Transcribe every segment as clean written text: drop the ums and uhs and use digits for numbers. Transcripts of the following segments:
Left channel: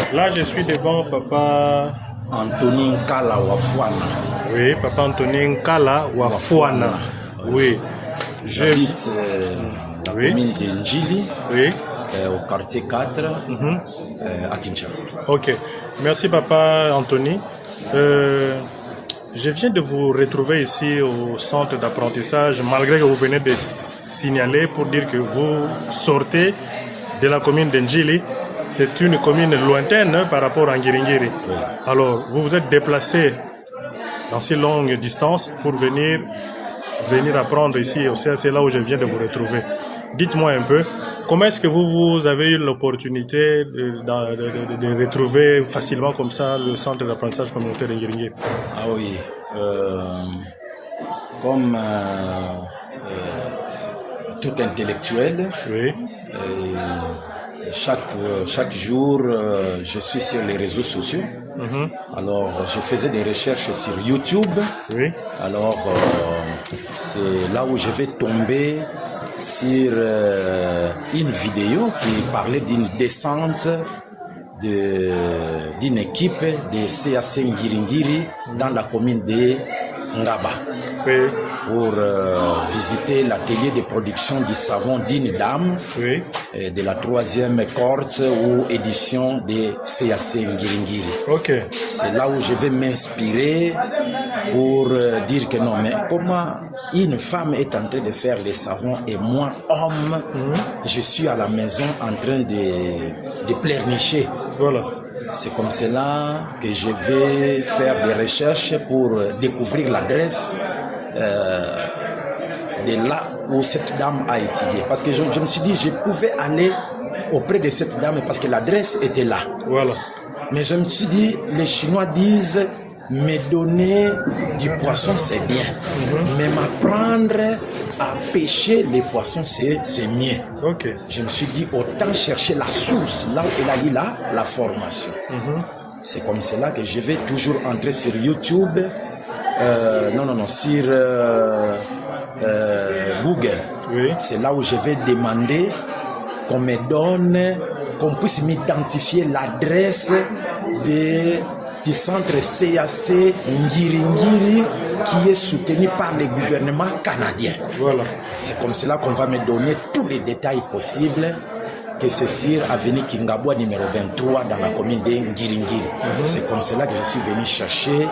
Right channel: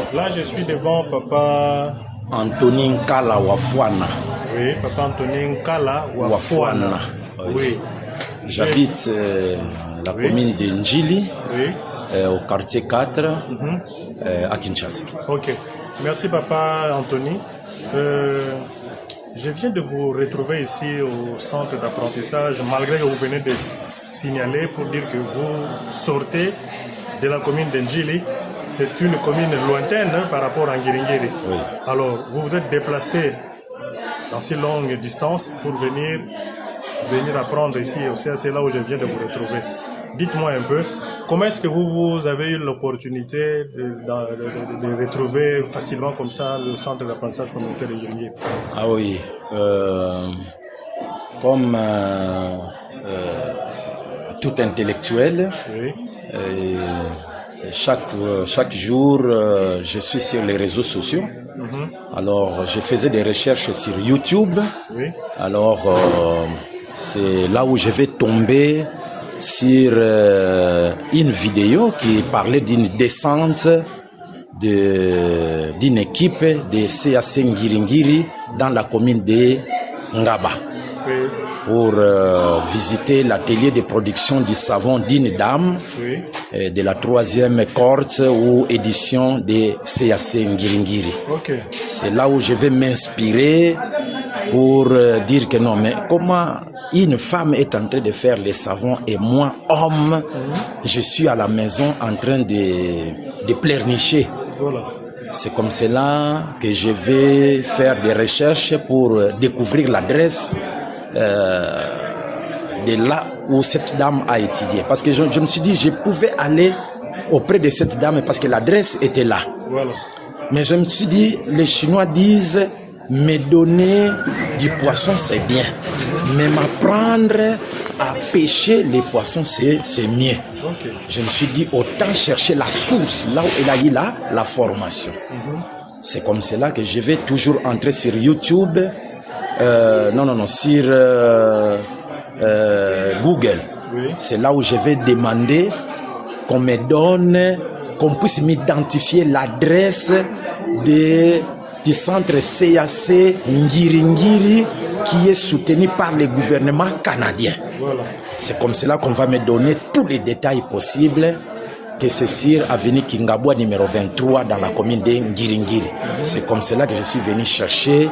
Donc là, je suis devant papa Anthony Nkala Wafwana. Oui, papa Anthony Nkala Wafwana. Oui. J'habite la commune de Njili, oui. Au quartier 4, à Kinshasa. Ok. Merci papa Anthony. Je viens de vous retrouver ici au centre d'apprentissage, malgré que vous venez de signaler pour dire que vous sortez de la commune de Njili. C'est une commune lointaine par rapport à Ngiringiri. Oui. Alors, vous vous êtes déplacé dans ces longues distances pour venir apprendre ici au CAC, là où je viens de vous retrouver. Dites-moi un peu, comment est-ce que vous avez eu l'opportunité de retrouver facilement comme ça le centre d'apprentissage communautaire de Ngiringiri? Ah oui, comme tout intellectuel, oui. Chaque jour, je suis sur les réseaux sociaux. Alors, je faisais des recherches sur YouTube. Oui. Alors, c'est là où je vais tomber sur une vidéo qui parlait d'une descente d'une équipe de CAC Ngiringiri dans la commune de Ngaba. Oui. Pour visiter l'atelier de production du savon d'une dame, oui. De la 3e cohorte ou édition de CAC Ngiringiri. Okay. C'est là où je vais m'inspirer pour dire que non, mais comment une femme est en train de faire les savons et moi, homme, je suis à la maison en train de pleurnicher. Voilà. C'est comme cela que je vais faire des recherches pour découvrir l'adresse de là où cette dame a étudié. Parce que je me suis dit, je pouvais aller auprès de cette dame parce que l'adresse était là. Voilà. Mais je me suis dit, les Chinois disent, me donner du poisson c'est bien, mais m'apprendre à pêcher les poissons c'est mieux. Okay. Je me suis dit, autant chercher la source, là où elle a eu la formation. C'est comme cela que je vais toujours entrer sur YouTube, sur Google. Oui. C'est là où je vais demander qu'on me donne, qu'on puisse m'identifier l'adresse du centre CAC Ngiringiri qui est soutenu par le gouvernement canadien. Voilà. C'est comme cela qu'on va me donner tous les détails possibles, que c'est sur avenue Kingabwa numéro 23 dans la commune de Ngiringiri. C'est comme cela que je suis venu chercher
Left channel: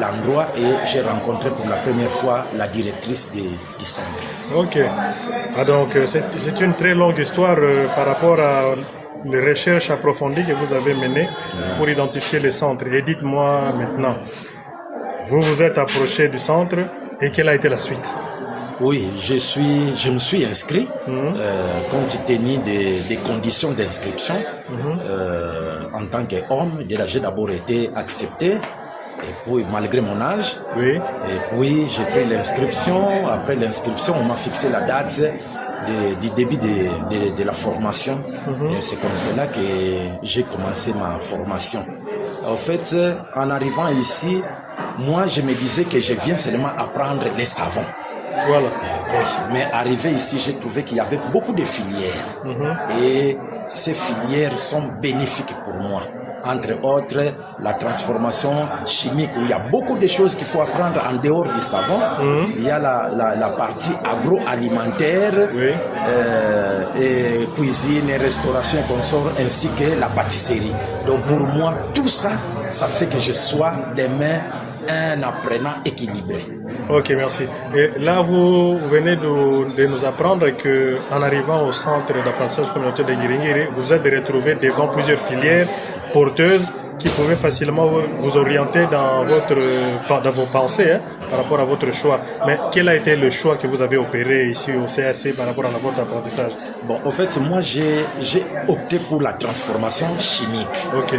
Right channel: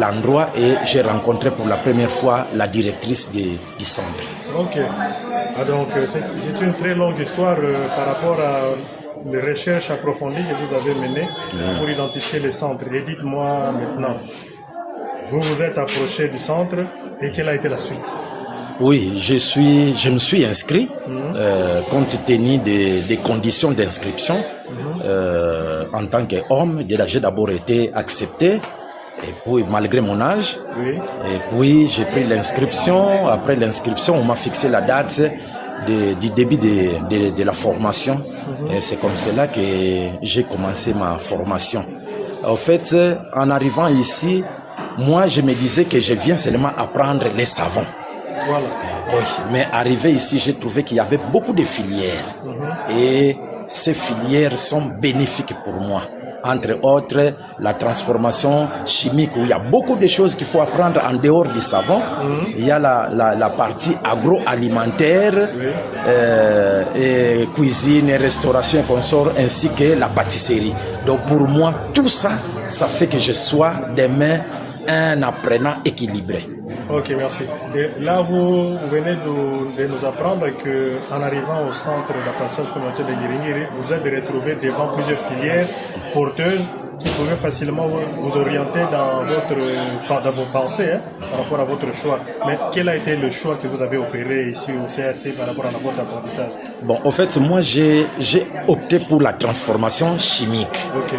l'endroit et j'ai rencontré pour la première fois la directrice du centre. Ok. Ah, donc c'est une très longue histoire par rapport à les recherches approfondies que vous avez menées pour identifier les centres. Et dites-moi maintenant, vous vous êtes approché du centre et quelle a été la suite? Oui, je me suis inscrit compte tenu des conditions d'inscription. En tant qu'homme, j'ai d'abord été accepté. Et puis, malgré mon âge, oui. Et puis j'ai pris l'inscription. Après l'inscription, on m'a fixé la date du début de la formation. Et c'est comme cela que j'ai commencé ma formation. En fait, en arrivant ici, moi, je me disais que je viens seulement apprendre les savons. Voilà. Mais arrivé ici, j'ai trouvé qu'il y avait beaucoup de filières. Et ces filières sont bénéfiques pour moi. Entre autres, la transformation chimique, où il y a beaucoup de choses qu'il faut apprendre en dehors du savon. Il y a la partie agroalimentaire, et cuisine, et restauration et consort, ainsi que la pâtisserie. Donc pour moi, tout ça, ça fait que je sois demain un apprenant équilibré. Ok, merci. Et là, vous venez de nous apprendre qu'en arrivant au centre d'apprentissage communautaire de Ngiringiri, vous êtes retrouvé devant plusieurs filières porteuses qui pouvaient facilement vous orienter dans vos pensées par rapport à votre choix. Mais quel a été le choix que vous avez opéré ici au CAC par rapport à votre apprentissage? Bon, en fait, moi, j'ai opté pour la transformation chimique. Ok.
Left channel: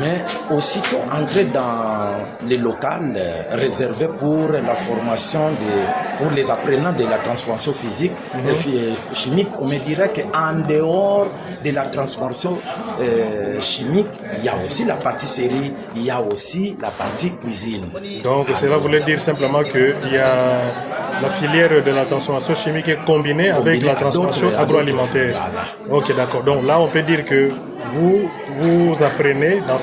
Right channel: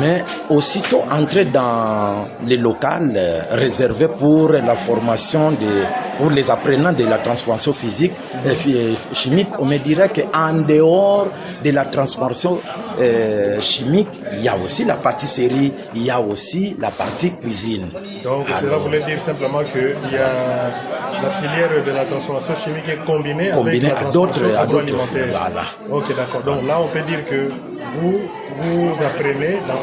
Mais aussitôt entré dans les locales réservés pour la formation pour les apprenants de la transformation physique et chimique, on me dirait qu'en dehors de la transformation chimique, il y a aussi la pâtisserie, il y a aussi la partie cuisine. Donc cela voulait dire simplement qu'il y a la filière de la transformation chimique est combinée avec la transformation agroalimentaire. Voilà. Ok, d'accord. Donc là, on peut dire que vous apprenez dans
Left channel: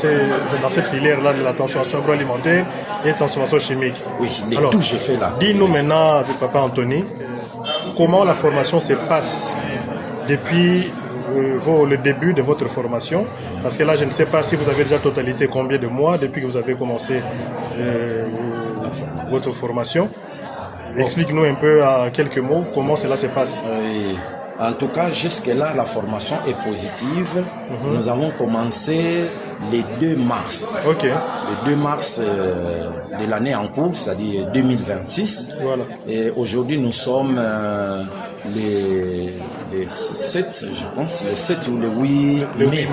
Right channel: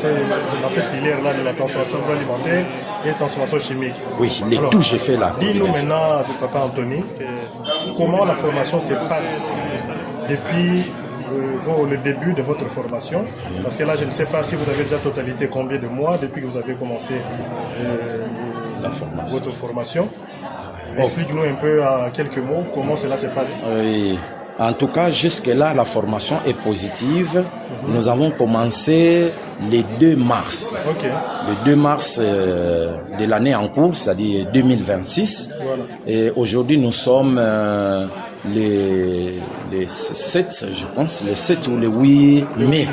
cette filière-là de la transformation agroalimentaire et transformation chimique. Oui, tout j'ai fait là. Dis-nous maintenant, Papa Anthony, comment la formation se passe depuis le début de votre formation, parce que là je ne sais pas si vous avez déjà totalité combien de mois depuis que vous avez commencé votre formation. Explique-nous un peu en quelques mots comment cela se passe. Oui. En tout cas, jusque-là, la formation est positive. Nous avons commencé le 2 mars. Ok. Le 2 mars de l'année en cours, c'est-à-dire 2026. Voilà. Et aujourd'hui, nous sommes les 7, je pense, le 7 ou le 8 mai.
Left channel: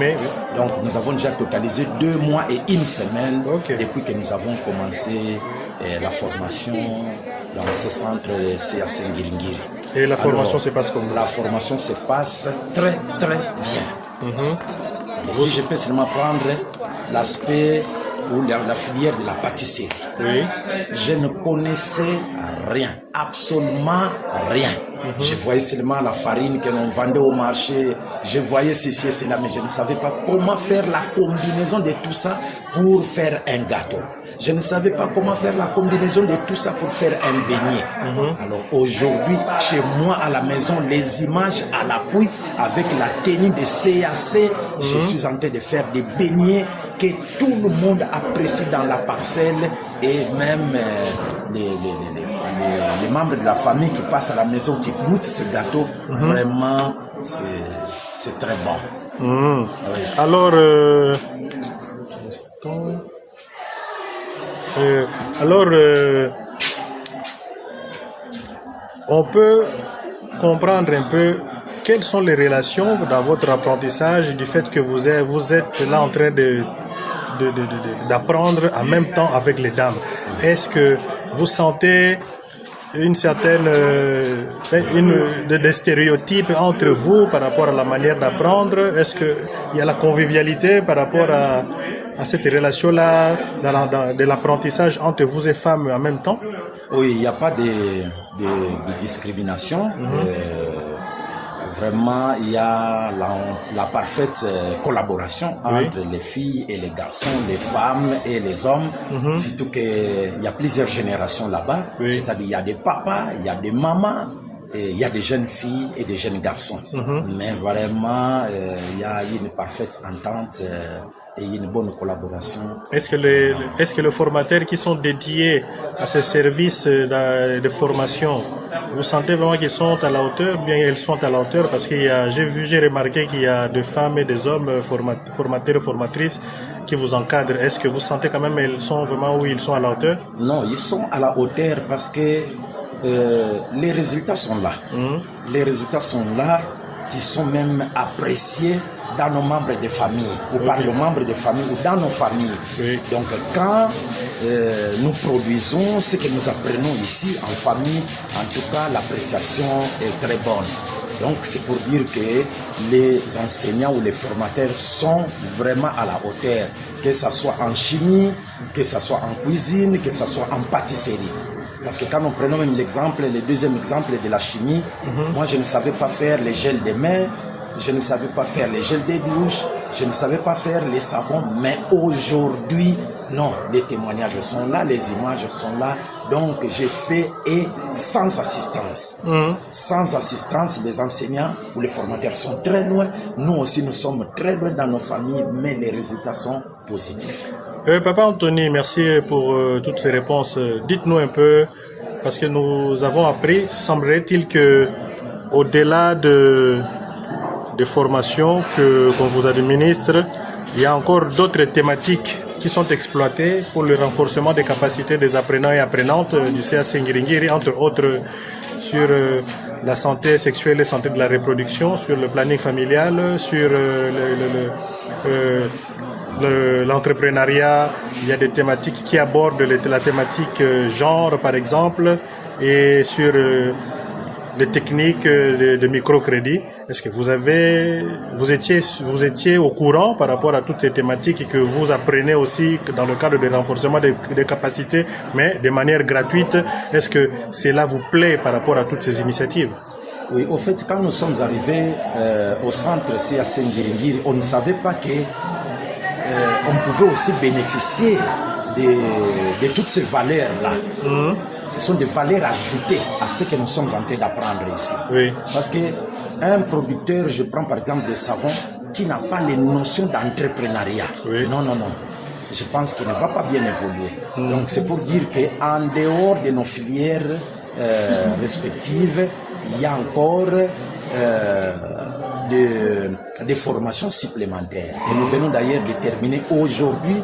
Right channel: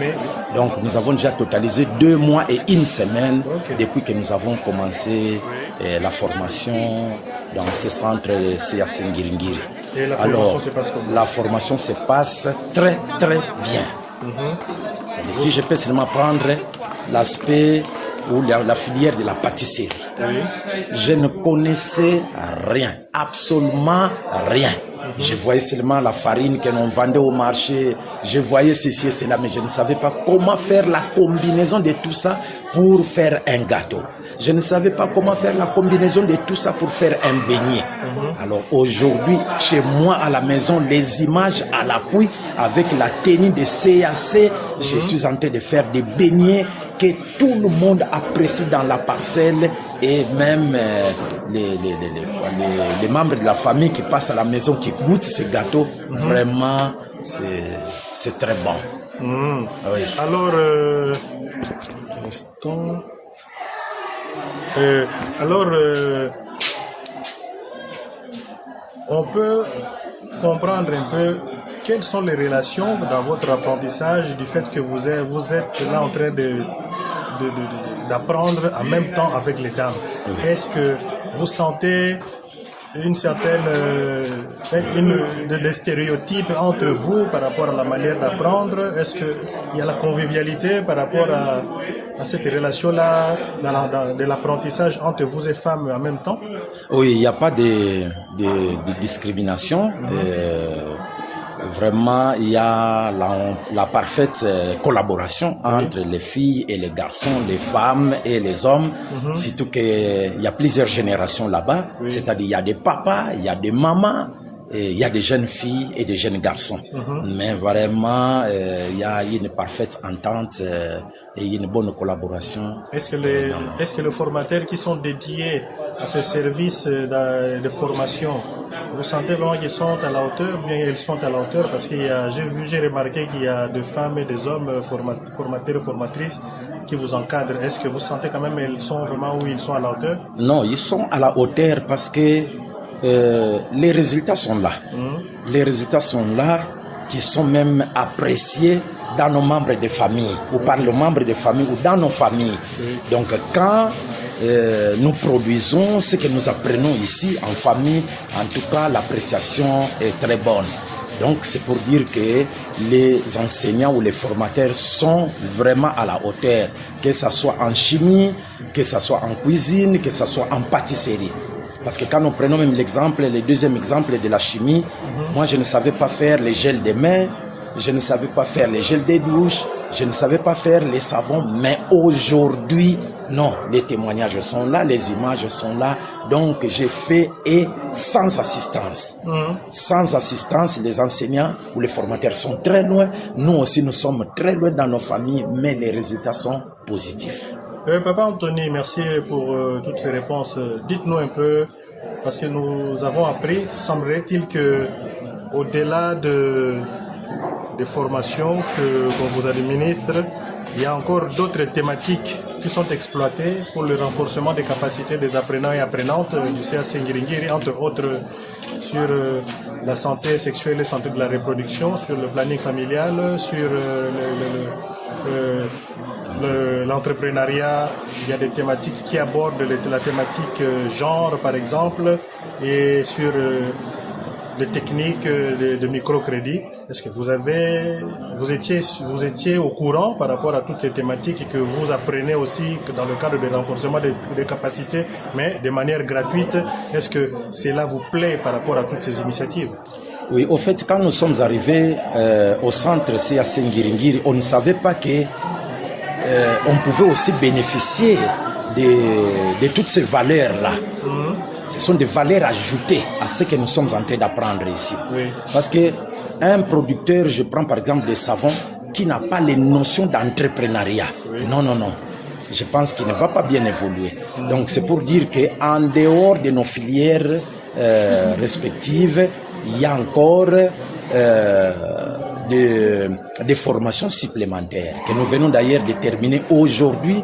Donc, nous avons déjà totalisé 2 mois et 1 semaine depuis que nous avons commencé la formation dans ce centre CAC Ngiringiri. Et la formation se passe comment? La formation se passe très très bien. Si je peux seulement prendre l'aspect ou la filière de la pâtisserie, je ne connaissais rien, absolument rien. Je voyais seulement la farine que l'on vendait au marché, je voyais ceci et cela, mais je ne savais pas comment faire la combinaison de tout ça pour faire un gâteau. Je ne savais pas comment faire la combinaison de tout ça pour faire un beignet. Alors aujourd'hui, chez moi à la maison, les images à l'appui, avec la tenue de CAC, je suis en train de faire des beignets que tout le monde apprécie dans la parcelle, et même les membres de la famille qui passent à la maison, qui goûtent ces gâteaux, vraiment, c'est très bon. Oui. Alors, on peut comprendre un peu quelles sont les relations dans votre apprentissage du fait que vous êtes là en train d'apprendre en même temps avec les dames. Est-ce que vous sentez une certaine des stéréotypes entre vous par rapport à la manière d'apprendre? Est-ce qu'il y a la convivialité par rapport à cette relation-là de l'apprentissage entre vous et femmes en même temps? Oui, il n'y a pas de discrimination. Vraiment, il y a la parfaite collaboration entre les filles et les garçons, les femmes et les hommes. Surtout qu'il y a plusieurs générations là-bas. C'est-à-dire il y a des papas, il y a des mamans, et il y a des jeunes filles et des jeunes garçons. Mais vraiment, il y a une parfaite entente et une bonne collaboration. Est-ce que les formateurs qui sont dédiés à ces services de formation, vous sentez vraiment qu'ils sont à la hauteur, bien elles sont à la hauteur? Parce que j'ai remarqué qu'il y a des femmes et des hommes formateurs et formatrices qui vous encadrent. Est-ce que vous sentez quand même qu'ils sont vraiment où ils sont à la hauteur? Non, ils sont à la hauteur parce que les résultats sont là. Les résultats sont là, qui sont même appréciés dans nos membres de famille, ou par les membres de famille, ou dans nos familles. Donc quand nous produisons ce que nous apprenons ici en famille, en tout cas l'appréciation est très bonne. Donc c'est pour dire que les enseignants ou les formateurs sont vraiment à la hauteur, que ce soit en chimie, que ce soit en cuisine, que ce soit en pâtisserie. Parce que quand nous prenons même le deuxième exemple de la chimie, moi je ne savais pas faire les gels des mains, je ne savais pas faire les gels des douches, je ne savais pas faire les savons, mais aujourd'hui, non, les témoignages sont là, les images sont là, donc j'ai fait et sans assistance. Sans assistance, les enseignants ou les formateurs sont très loin, nous aussi nous sommes très loin dans nos familles, mais les résultats sont positifs. Papa Anthony, merci pour toutes ces réponses. Dites-nous un peu, parce que nous avons appris, semblerait-il que au-delà des formations qu'on vous administre, il y a encore d'autres thématiques qui sont exploitées pour le renforcement des capacités des apprenants et apprenantes du CAC Ngiringiri, entre autres sur la santé sexuelle et la santé de la reproduction, sur le planning familial, sur l'entrepreneuriat. Il y a des thématiques qui abordent la thématique genre par exemple, et sur les techniques de microcrédit. Est-ce que vous étiez au courant par rapport à toutes ces thématiques et que vous apprenez aussi dans le cadre du renforcement des capacités, mais de manière gratuite? Est-ce que cela vous plaît par rapport à toutes ces initiatives? Oui, au fait, quand nous sommes arrivés au centre CAC Ngiringiri, on ne savait pas que on pouvait aussi bénéficier de toutes ces valeurs-là. Ce sont des valeurs ajoutées à ce que nous sommes en train d'apprendre ici. Oui. Parce qu'un producteur, je prends par exemple des savons, qui n'a pas les notions d'entrepreneuriat. Oui. Non. Je pense qu'il ne va pas bien évoluer. Donc c'est pour dire qu'en dehors de nos filières respectives, il y a encore des formations supplémentaires que nous venons d'ailleurs de terminer aujourd'hui.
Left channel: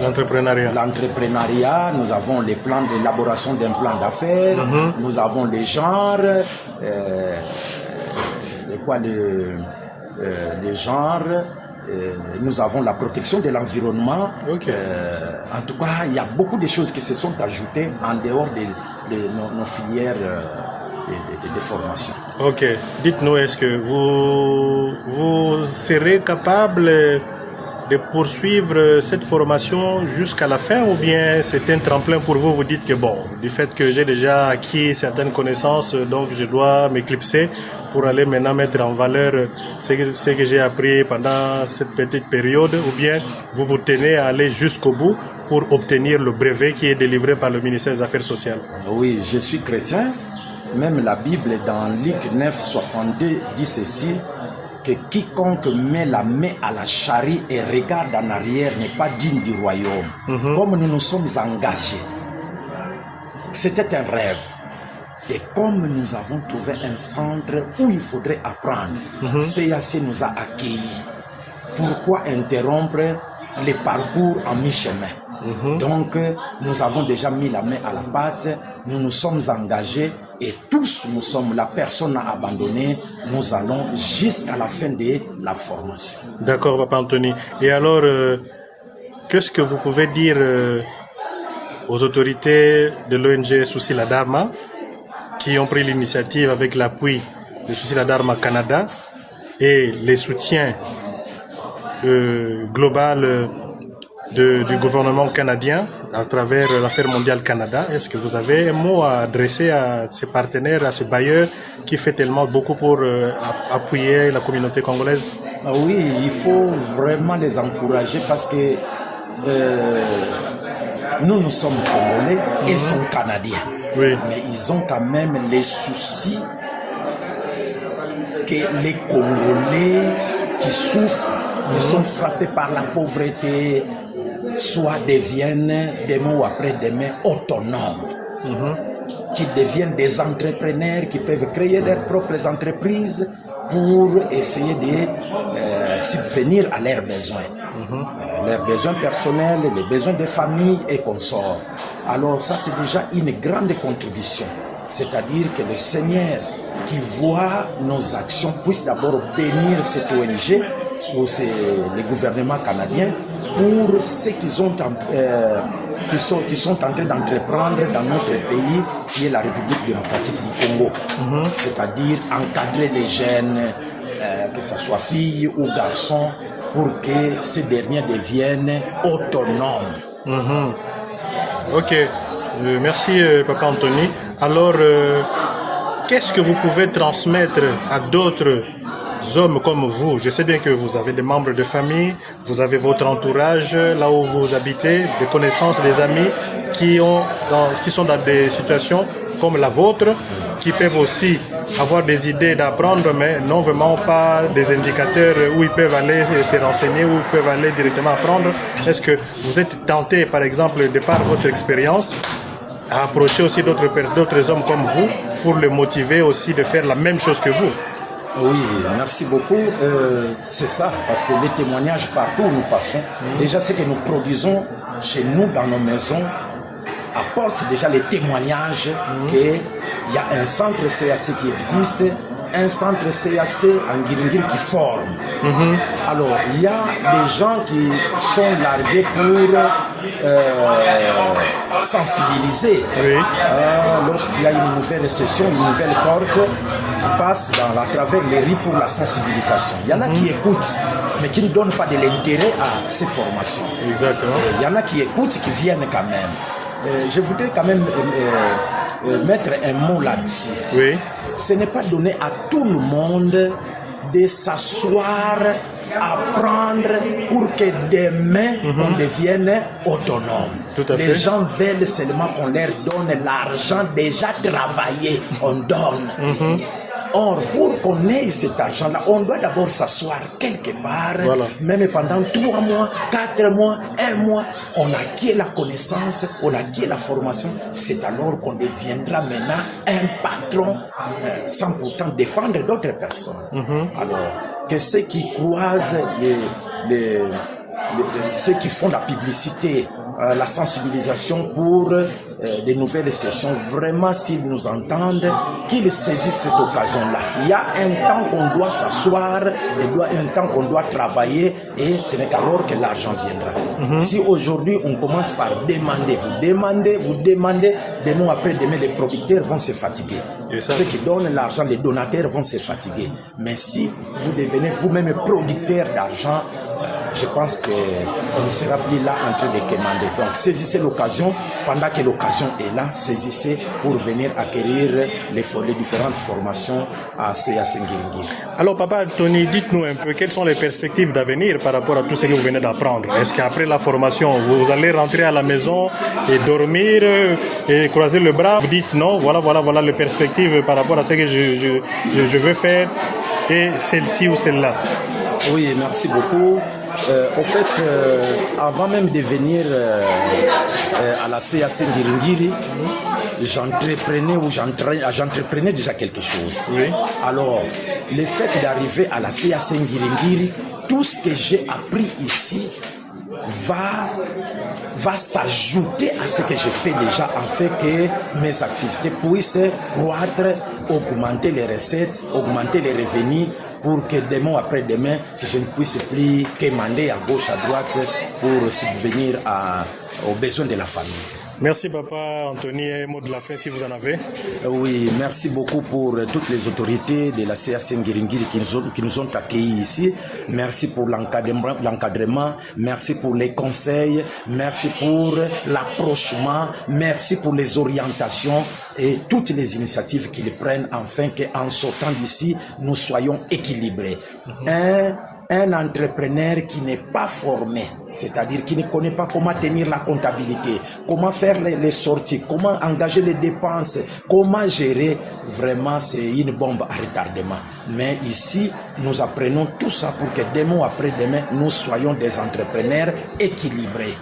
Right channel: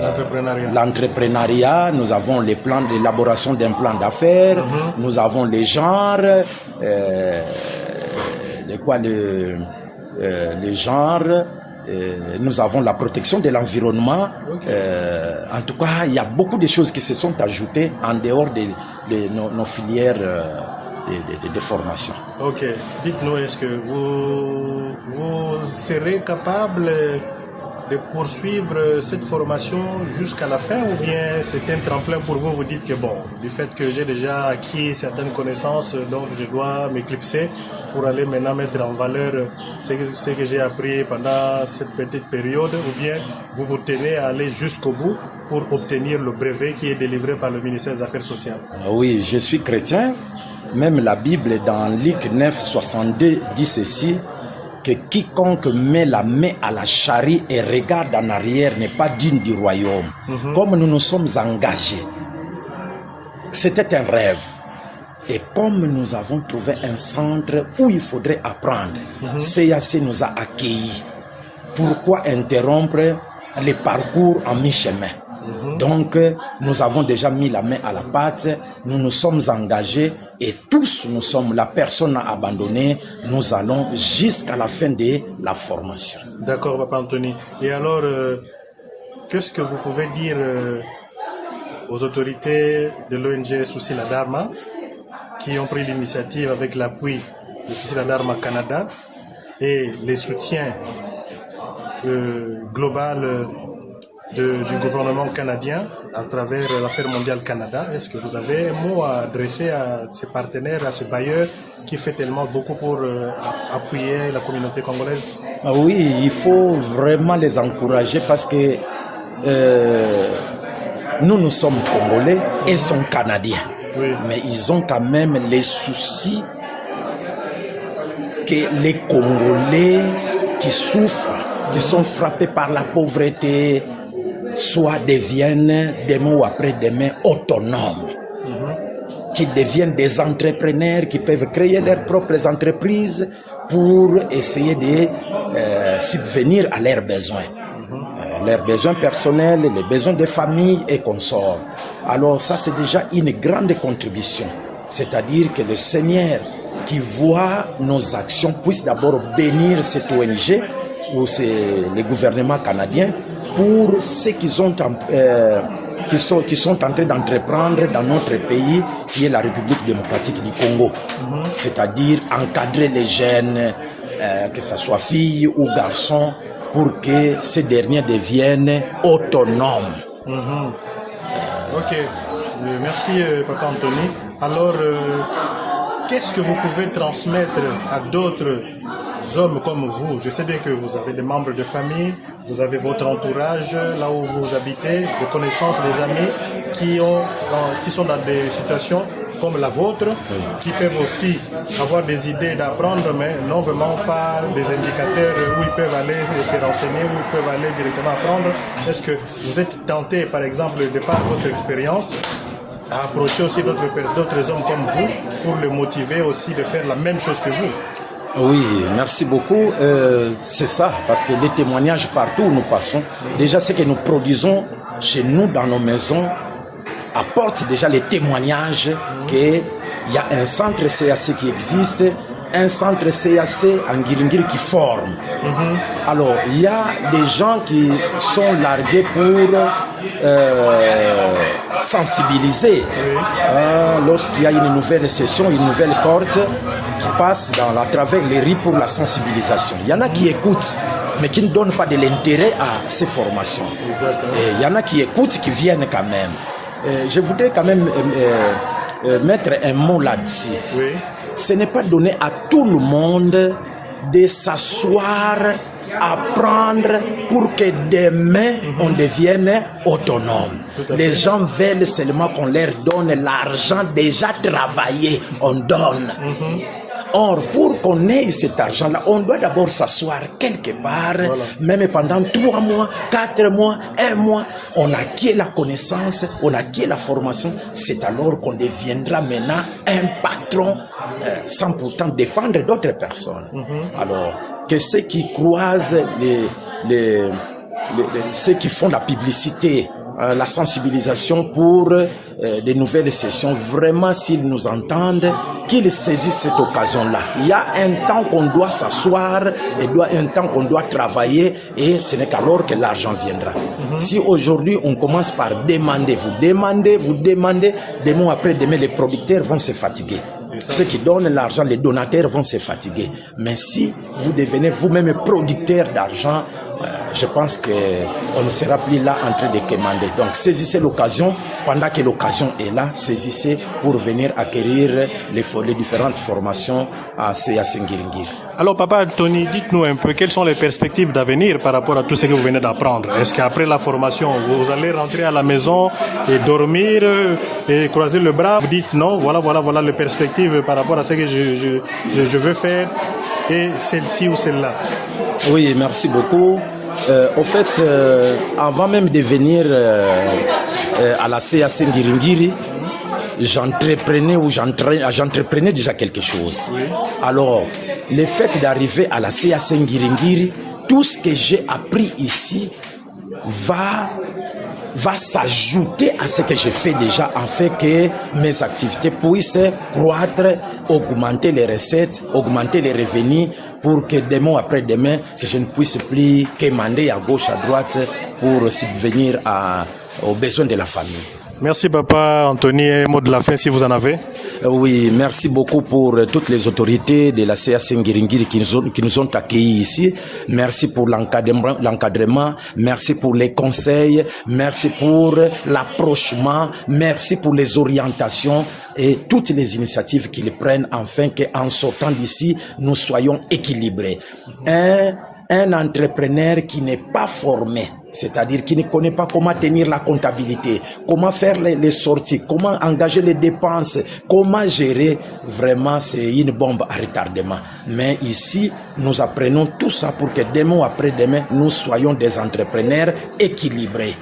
L'entrepreneuriat, nous avons les plans d'élaboration d'un plan d'affaires, nous avons les genres, les genres, nous avons la protection de l'environnement. Okay. En tout cas, il y a beaucoup de choses qui se sont ajoutées en dehors de nos filières de formation. Ok. Dites-nous, est-ce que vous serez capable de poursuivre cette formation jusqu'à la fin, ou bien c'est un tremplin pour vous? Vous dites que bon, du fait que j'ai déjà acquis certaines connaissances, donc je dois m'éclipser pour aller maintenant mettre en valeur ce que j'ai appris pendant cette petite période, ou bien vous vous tenez à aller jusqu'au bout pour obtenir le brevet qui est délivré par le ministère des Affaires sociales? Oui, je suis chrétien. Même la Bible dans Luc 9, 62 dit ceci, que quiconque met la main à la charrie et regarde en arrière n'est pas digne du royaume. Comme nous nous sommes engagés, c'était un rêve. Et comme nous avons trouvé un centre où il faudrait apprendre, CAC nous a accueillis. Pourquoi interrompre les parcours en mi-chemin? Donc, nous avons déjà mis la main à la pâte, nous nous sommes engagés et tous nous sommes, la personne a abandonné, nous allons jusqu'à la fin de la formation. D'accord, Papa Anthony. Et alors, qu'est-ce que vous pouvez dire aux autorités de l'ONG Souci la Dharma qui ont pris l'initiative avec l'appui de Souci la Dharma Canada et les soutiens global du gouvernement canadien à travers l'Affaire mondiale Canada? Est-ce que vous avez un mot à adresser à ces partenaires, à ces bailleurs qui fait tellement beaucoup pour appuyer la communauté congolaise? Oui, il faut vraiment les encourager parce que nous sommes Congolais et sont Canadiens. Oui. Mais ils ont quand même les soucis que les Congolais qui souffrent, qui sont frappés par la pauvreté, soit deviennent demain ou après-demain autonomes, qui deviennent des entrepreneurs, qui peuvent créer leurs propres entreprises pour essayer de subvenir à leurs besoins. Leurs besoins personnels, les besoins de famille et consorts. Alors ça, c'est déjà une grande contribution. C'est-à-dire que le Seigneur qui voit nos actions puisse d'abord bénir cette ONG ou c'est le gouvernement canadien pour ce qu'ils ont qui sont en train d'entreprendre dans notre pays qui est la République démocratique du Congo. C'est-à-dire encadrer les jeunes, que ce soit filles ou garçons, pour que ces derniers deviennent autonomes. Ok, merci Papa Anthony. Alors, qu'est-ce que vous pouvez transmettre à d'autres hommes comme vous? Je sais bien que vous avez des membres de famille, vous avez votre entourage là où vous habitez, des connaissances, des amis qui sont dans des situations comme la vôtre, qui peuvent aussi avoir des idées d'apprendre, mais non vraiment pas des indicateurs où ils peuvent aller se renseigner, où ils peuvent aller directement apprendre. Est-ce que vous êtes tenté, par exemple, de par votre expérience, à approcher aussi d'autres hommes comme vous pour les motiver aussi de faire la même chose que vous? Oui, merci beaucoup. C'est ça, parce que les témoignages partout où nous passons, déjà ce que nous produisons chez nous dans nos maisons, apporte déjà les témoignages qu'il y a un centre CAC qui existe, un centre CAC en Ngiringiri qui forme. Alors, il y a des gens qui sont largués pour sensibiliser. Lorsqu'il y a une nouvelle session, une nouvelle corde qui passe à travers les rues pour la sensibilisation. Il y en a qui écoutent, mais qui ne donnent pas de l'intérêt à ces formations. Exactement. Et il y en a qui écoutent, qui viennent quand même. Je voudrais quand même mettre un mot là-dessus. Oui. Ce n'est pas donné à tout le monde de s'asseoir, apprendre pour que demain on devienne autonome. Les gens veulent seulement qu'on leur donne l'argent déjà travaillé, on donne. Or, pour qu'on ait cet argent-là, on doit d'abord s'asseoir quelque part, même pendant 3 mois, 4 mois, 1 mois, on acquiert la connaissance, on acquiert la formation, c'est alors qu'on deviendra maintenant un patron sans pourtant dépendre d'autres personnes. Alors, que ceux qui croisent ceux qui font la publicité, la sensibilisation pour des nouvelles sessions, vraiment s'ils nous entendent, qu'ils saisissent cette occasion-là. Il y a un temps qu'on doit s'asseoir, il y a un temps qu'on doit travailler et ce n'est qu'alors que l'argent viendra. Si aujourd'hui on commence par demander, vous demandez, demain après demain les producteurs vont se fatiguer. Ceux qui donnent l'argent, les donateurs vont se fatiguer. Mais si vous devenez vous-même producteur d'argent, je pense qu'on ne sera plus là en train de commander. Donc saisissez l'occasion, pendant que l'occasion est là, saisissez pour venir acquérir les différentes formations à CA Sengiringiri. Alors Papa Tony, dites-nous un peu quelles sont les perspectives d'avenir par rapport à tout ce que vous venez d'apprendre. Est-ce qu'après la formation, vous allez rentrer à la maison et dormir et croiser le bras? Vous dites non, voilà les perspectives par rapport à ce que je veux faire et celle-ci ou celle-là. Oui, merci beaucoup. Au fait, avant même de venir à la CA Sengiringiri, j'entreprenais déjà quelque chose. Oui. Alors, le fait d'arriver à la CA Sengiringiri, tout ce que j'ai appris ici va s'ajouter à ce que j'ai fait déjà, afin que mes activités puissent croître, augmenter les recettes, augmenter les revenus, pour que demain après demain, que je ne puisse plus quémander à gauche, à droite pour subvenir aux besoins de la famille. Merci Papa Anthony, un mot de la fin si vous en avez. Oui, merci beaucoup pour toutes les autorités de la CA Sengiringiri qui nous ont accueillis ici. Merci pour l'encadrement, merci pour les conseils, merci pour l'approchement, merci pour les orientations et toutes les initiatives qu'ils prennent afin qu'en sortant d'ici, nous soyons équilibrés. Un entrepreneur qui n'est pas formé, c'est-à-dire qui ne connaît pas comment tenir la comptabilité, comment faire les sorties, comment engager les dépenses, comment gérer, vraiment c'est une bombe à retardement. Mais ici, nous apprenons tout ça pour que demain ou après-demain, nous soyons des entrepreneurs équilibrés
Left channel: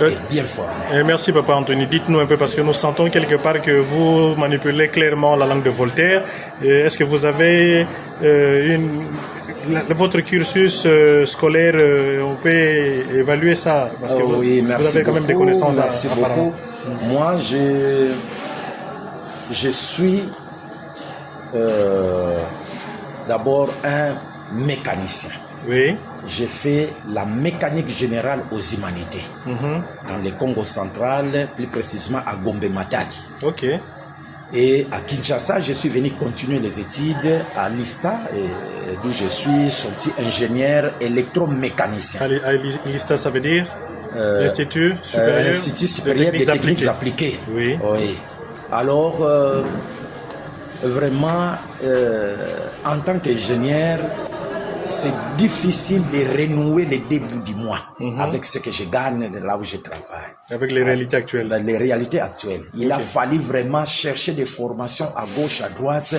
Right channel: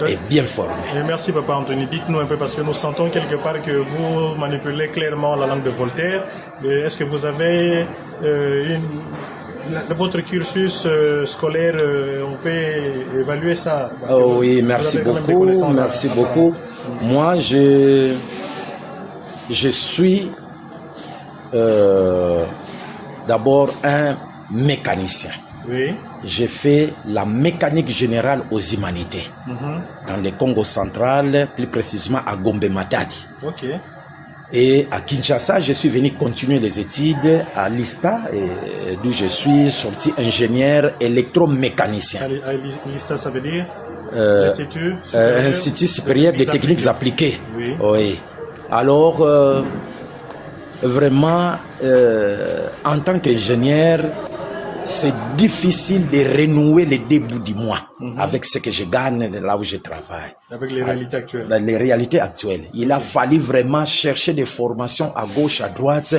et bien formés. Merci Papa Anthony. Dites-nous un peu, parce que nous sentons quelque part que vous manipulez clairement la langue de Voltaire. Est-ce que vous avez votre cursus scolaire, on peut évaluer ça parce que oui, merci vous avez quand même des beaucoup, connaissances. Merci beaucoup. Moi, je suis d'abord un mécanicien. Oui. J'ai fait la mécanique générale aux humanités dans le Congo central, plus précisément à Gombe Matadi. Ok. Et à Kinshasa, je suis venu continuer les études à l'ISTA, d'où je suis sorti ingénieur électromécanicien. À l'ISTA, ça veut dire Institut supérieur des techniques appliquées. Oui. Oui. Alors, vraiment, en tant qu'ingénieur, c'est difficile de renouer les débuts du mois avec ce que je gagne là où je travaille. Avec les réalités actuelles. Les réalités actuelles. Il a fallu vraiment chercher des formations à gauche, à droite,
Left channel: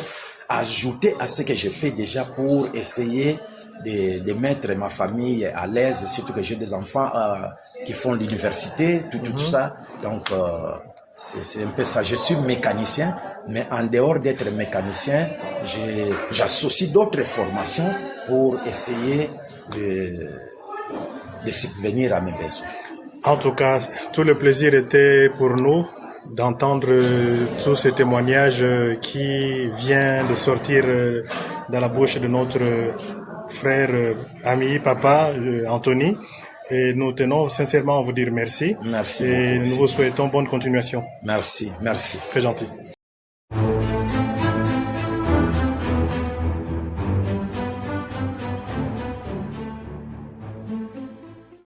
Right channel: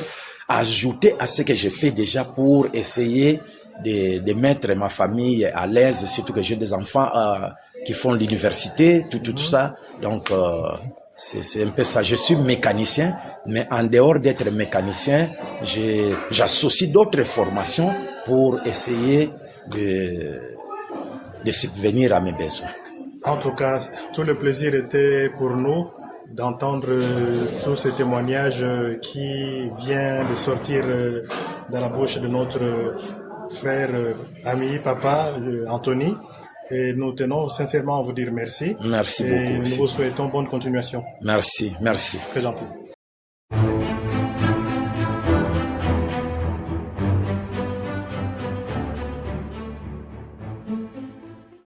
ajouter à ce que je fais déjà pour essayer de mettre ma famille à l'aise, surtout que j'ai des enfants qui font l'université, tout ça. Donc, c'est un peu ça. Je suis mécanicien, mais en dehors d'être mécanicien, j'associe d'autres formations pour essayer de subvenir à mes besoins. En tout cas, tout le plaisir était pour nous d'entendre tous ces témoignages qui viennent de sortir dans la bouche de notre frère, ami, papa, Anthony. Et nous tenons sincèrement à vous dire merci. Merci et beaucoup. Nous vous souhaitons bonne continuation. Merci. Très gentil.